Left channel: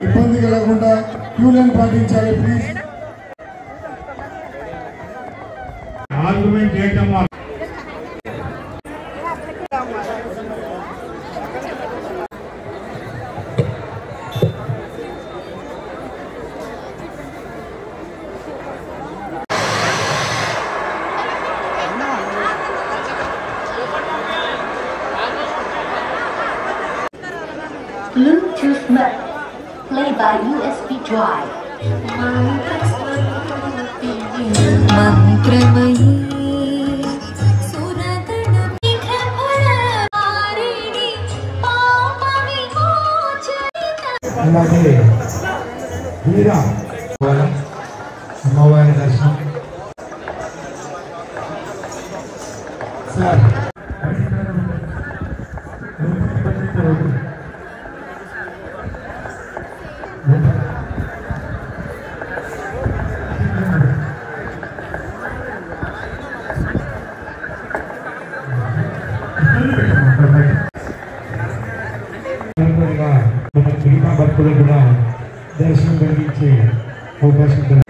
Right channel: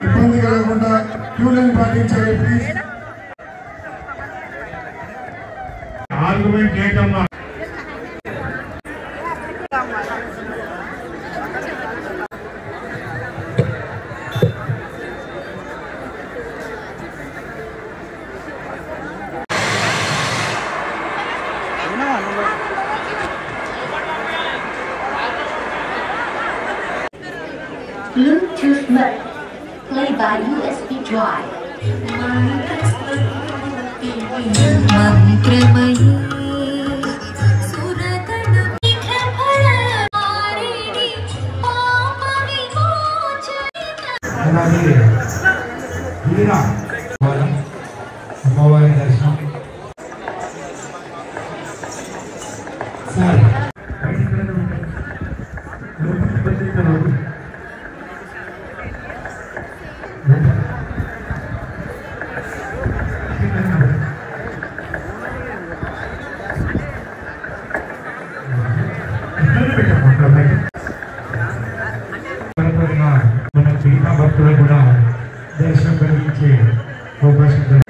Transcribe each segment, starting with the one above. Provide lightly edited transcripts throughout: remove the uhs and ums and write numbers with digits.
ఇబ్బంది కలగకుండా queue line పాటించాలి ప్లీజ్. ఆర్గ్యుమెంట్ చేయటమ్మా. Bluetooth mode. Play by USB drive. భక్తులు కూడా దర్శనం కలిగించే అవకాశం.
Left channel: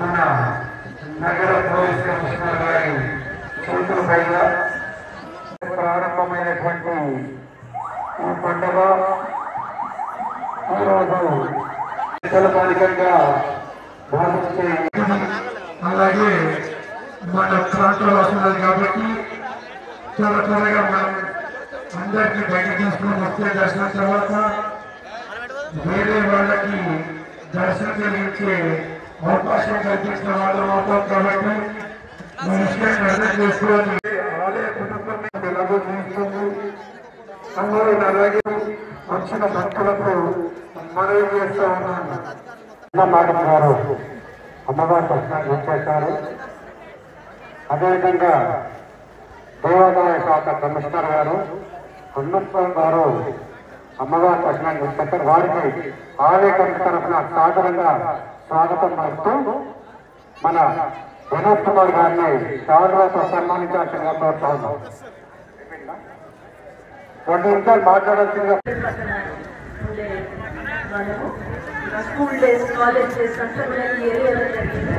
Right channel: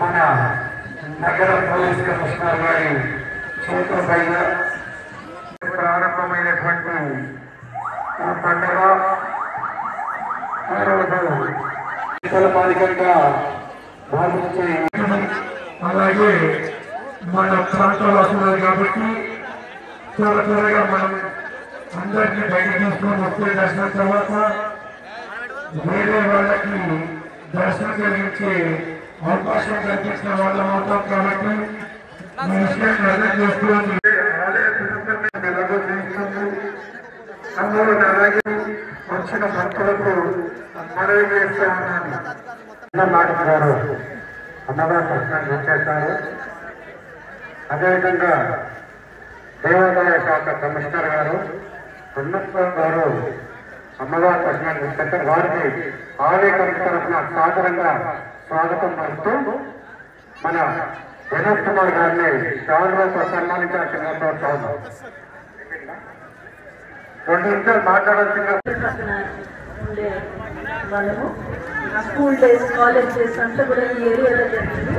మన నగర పోలీస్ కమిషనర్ గారి చేతులపై ప్రారంభమైనటువంటి ఈ పండుగ ఈరోజు పాలికంగా భావించే అలాగే మన ప్రాంతాలు వస్తున్నారు కాబట్టి చాలా త్వరగా మనం అందరికీ బయట తీసుకుని వస్తే దర్శనం తర్వాత వేరే వాళ్ళకి దర్శనం కలిగించే అవకాశం కల్పించిన వాళ్ళ మాత్రం కాబట్టి మీ విషయాన్ని అర్థం చేసుకోవాలి. ఆలయ కుటుంబం ఎలాగోస్తుంది అందరూ అలాగే వచ్చిన భక్తులకు మనవి చేస్తూ ఉన్నాను. మాట గారు అమ్మవారి దర్శనం చేశారు. అదేవిధంగా దేవాదాయ శాఖ కమిషనర్ గారు ఉన్నత గారు అమ్మవారి దర్శనాన్ని చేశారు. వారికి ఆలయ కమిటీ తరఫున సాదరంగా స్వాగతం పలుకుతూ మన వినోద్ కుమార్ గారిని శాలువాతో సన్మానించాల్సిందిగా కోరుతున్నాం. 2 నిమిషాలు మాట్లాడాల్సిందిగా. స్కూల్ డేస్ కాలేజ్ డేస్ అంతా కూడా ఈ ఏరియాలో జరిగింది.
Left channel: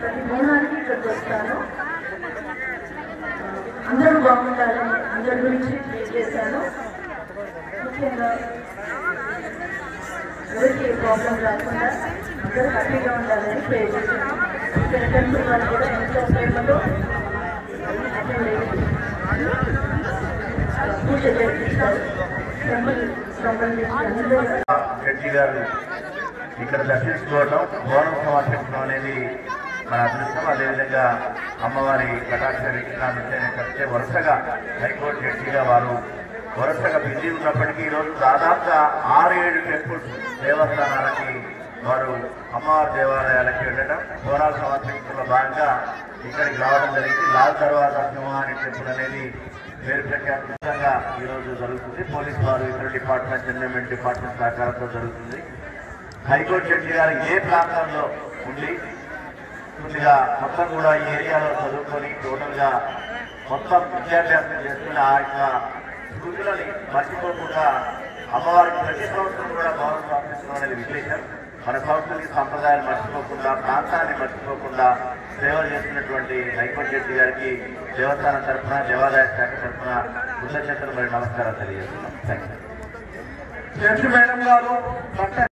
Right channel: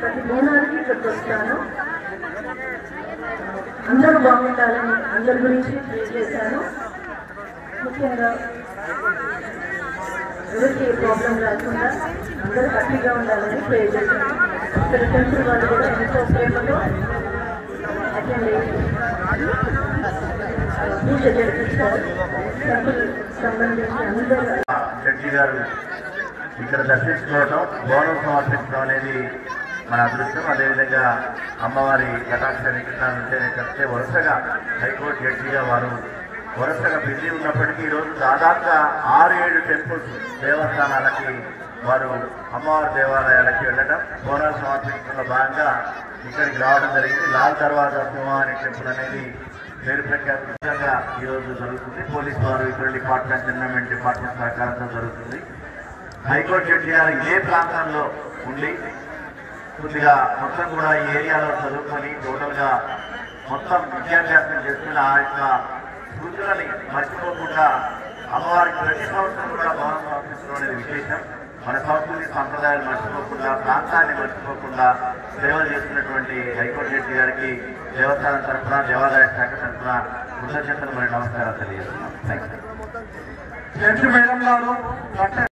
ప్రతి మూనానికి ఇక్కడికి వస్తాను. అందరూ బాగుండాలని అందరి గురించి ప్రే చేశాను. ముఖ్యంగా ఎవరికి ప్రాబ్లం రాకుండా అందరూ హ్యాపీగా ఉండాలని ప్రే చేశాను. ఇక్కడ టెంపుల్ వాళ్ళు కూడా ఎంతో ప్రేమలో అటెండ్ అయ్యి పూజ జరిపించారు. సంబంధించిన అందరూ శెట్టి గారు ఇక్కడ దర్శించుకోవడం, గౌరవం సమర్పించడం అనేది మన అదృష్టం. అదేవిధంగా అమ్మవారి కటాక్ష వీక్షణాలంటే వరుసగా హైకోర్టు జడ్జిగా వారు వరుసగా బిజీ ఉన్నప్పటికీ ఈరోజు దాదాపుగా 6-7 టెంపుల్స్ దేవస్థానాలకి వారు అమ్మవారి దేవాలయాలకి వెళ్ళడం, బోనాలు సమర్పించడంలో భాగంగా ఇక్కడికి రావడం జరిగింది. లాల్ దర్వాజా సింహాని టెంపుల్ అనేది పేరు ప్రఖ్యాతంగా ఈరోజు జరుగుతుంది. పోలీసు వారు ఇతర డిపార్ట్మెంట్, ఎన్విరాన్మెంట్ డిపార్ట్మెంట్ సహకారంతో జరుగుతుంది. హైకోర్టు జడ్జి గారు ఏ ప్రాంతాల్లో ఉండి కొద్దిగా మొత్తం కూడా ఈ ఏరియాలో చదువుకొని టోటల్గా మొత్తం విద్యాభ్యాసం చేసుకుని ఆ యొక్క స్మృతులని మర్చిపోకుండా అమ్మవారికి ప్రతి సంవత్సరం కూడా భవనం సమర్పించడం అనేది విశేషం. మన సంస్కృతి సంప్రదాయాలు మర్చిపోకుండా, ప్రాంతాన్ని మర్చిపోకుండా సేవలు చేస్తున్నటువంటి హైకోర్టు జడ్జి గారికి దేవస్థానం తరఫున, దేవాదాయ శాఖ తరఫున కృతజ్ఞతలు మరియు నమస్కారాలు తెలియజేస్తున్నాం. Thank you.